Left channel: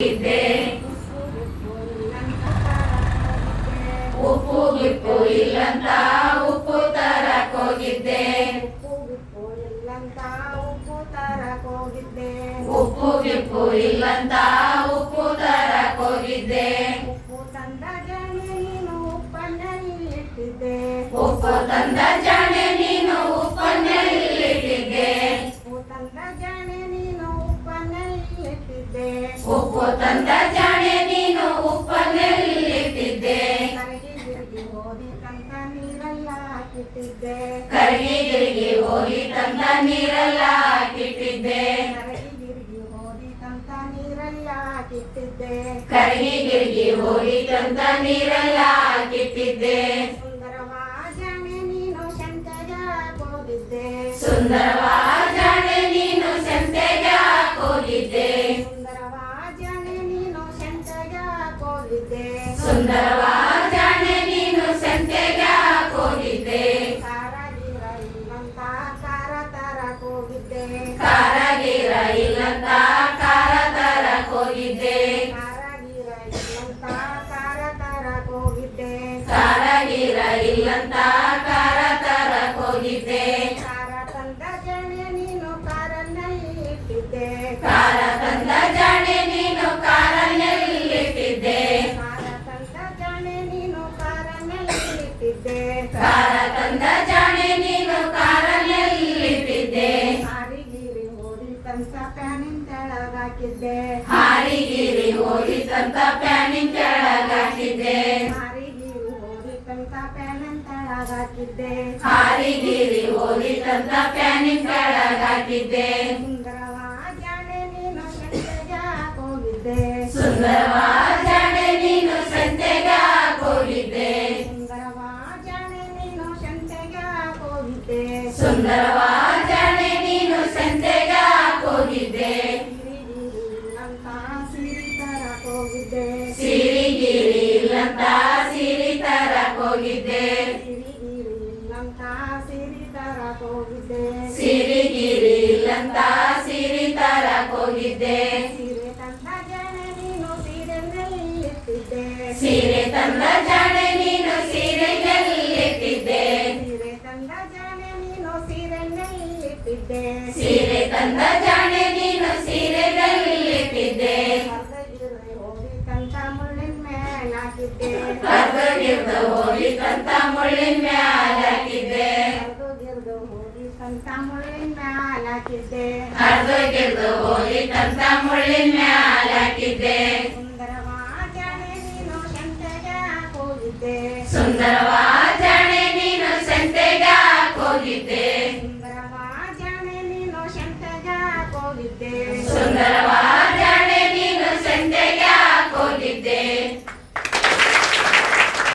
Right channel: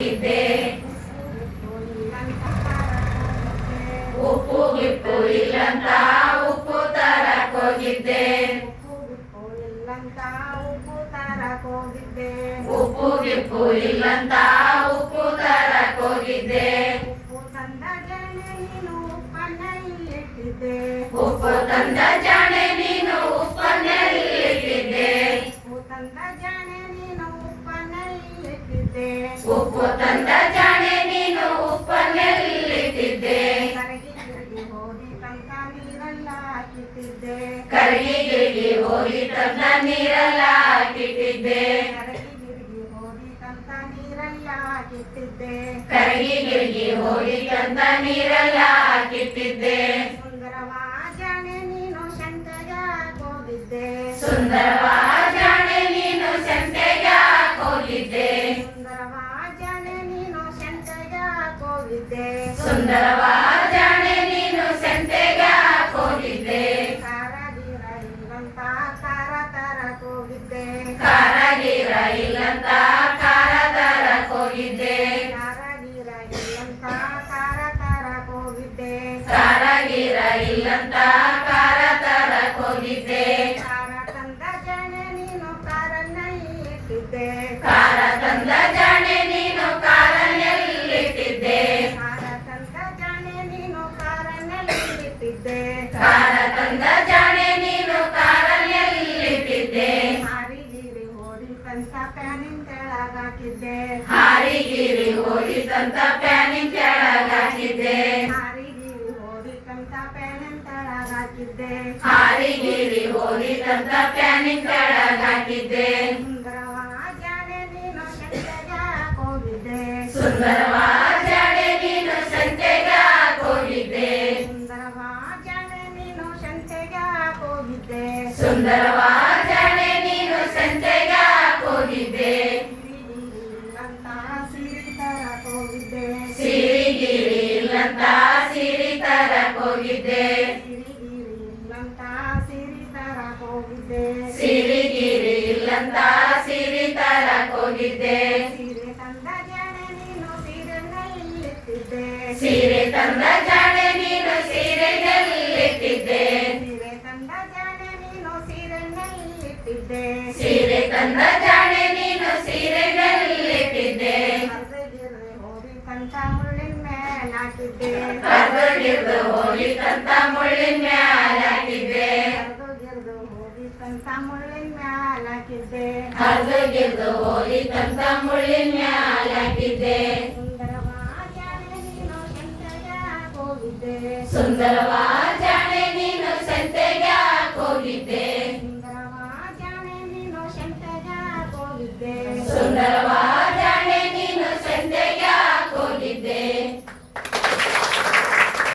ಇದ್ದೆ ಉಪ್ಪು ಗಿಪ್ಪು ಇಲ್ಲಂತ ಉಪ್ಪು ತರಕ್ ಹೋಗಿದ್ದೆ ಉಪ್ಪು ಗಿಪ್ಪು ಇಲ್ಲಂತ ಉಪ್ಪು ತರಕ್ ಹೋಗಿದ್ದೆ ಉಪ್ಪು ತಂದ ಜಾಣೆ ನೀನು ಉಪ್ಪನ್ನೆಲ್ಲಿಟ್ಟಿದ್ದೆ ಉಪ್ಪು ತಂದ ಜಾಣೆ ನೀನು ಉಪ್ಪನ್ನೆಲ್ಲಿಟ್ಟಿದ್ದೆ ಕರಗಿ ಗಿರಿಗಿ ಹೋಗಿ ತಂದ ನೀರೆಲ್ಲ ಕಿಟ್ಟಿದ್ದೆ ಕರಗಿ ಗಿರಿಗಿ ಹೋಗಿ ತಂದ ನೀರೆಲ್ಲ ಕಿಟ್ಟಿದ್ದೆ ಸುಂದರವ ಜಾಣೆ ನೀನು ಸಂತೆಗೆ ಹೋಗಿದ್ದೆ ಸುಂದರವ ಜಾಣೆ ನೀನು ಸಂತೆಗೆ ಹೋಗಿದ್ದೆ ಕಾರಾಗಿರ ಇಲ್ಲಂತ ಕಾರ ತರಕ್ ಹೋಗಿದ್ದೆ ಕಾರಾಗಿರ ಇಲ್ಲಂತ ಕಾರ ತರಕ್ ಹೋಗಿದ್ದೆ ಕಾರ ತಂದ ಜಾಣೆ ನೀನು ಕಾರನ್ನೆಲ್ಲಿಟ್ಟಿದ್ದೆ ಕಾರ ತಂದ ಜಾಣೆ ನೀನು ಕಾರನ್ನೆಲ್ಲಿಟ್ಟಿದ್ದೆ ಹಾರಿಗಿರಿ ಹೋಗಿ ತಂತ ಪ್ಯಾನಿನ ಕೆಳಗಾಕಿದ್ದೆ ಹಾರಿಗಿರಿ ಹೋಗಿ ತಂತ ಪ್ಯಾನಿನ ಕೆಳಗಾಕಿದ್ದೆ ಹಾರಿಗಿರಿ ಹೋಗಿ ತಂತ ಪ್ಯಾನಿನ ಕೆಳಗಾಕಿದ್ದೆ ಹಾರಿಗಿರಿ ಹೋಗಿ ತಂತ ಪ್ಯಾನಿನ ಕೆಳಗಾಕಿದ್ದೆ ಸುಂದರವ ಜಾಣೆ ನೀನು ಸಂತೆಗೆ ಹೋಗಿದ್ದೆ ಸುಂದರವ ಜಾಣೆ ನೀನು ಸಂತೆಗೆ ಹೋಗಿದ್ದೆ ಸಿರಿಗಿರಿ ಇಲ್ಲಂತ ಸಿರಿ ತರಕ್ ಹೋಗಿದ್ದೆ ಸಿರಿಗಿರಿ ಇಲ್ಲಂತ ಸಿರಿ ತರಕ್ ಹೋಗಿದ್ದೆ ಸೀರೆ ತಂದ ಜಾಣೆ ನೀನು ಸೀರೆನಲ್ಲಿಟ್ಟಿದ್ದೆ ಸೀರೆ ತಂದ ಜಾಣೆ ನೀನು ಸೀರೆನಲ್ಲಿಟ್ಟಿದ್ದೆ ಹರ್ದಗಿರ್ದು ಹೋಗಿ ತಂತ ಮುಳ್ಳಿನ ಮ್ಯಾಲ ಹಾಕಿದ್ದೆ ಹರ್ದಗಿರ್ದು ಹೋಗಿ ತಂತ ಮುಳ್ಳಿನ ಮ್ಯಾಲ ಹಾಕಿದ್ದೆ ಸುಂದರವ ಜಾಣೆ ನೀನು ಸಂತೆಗೆ ಹೋಗಿದ್ದೆ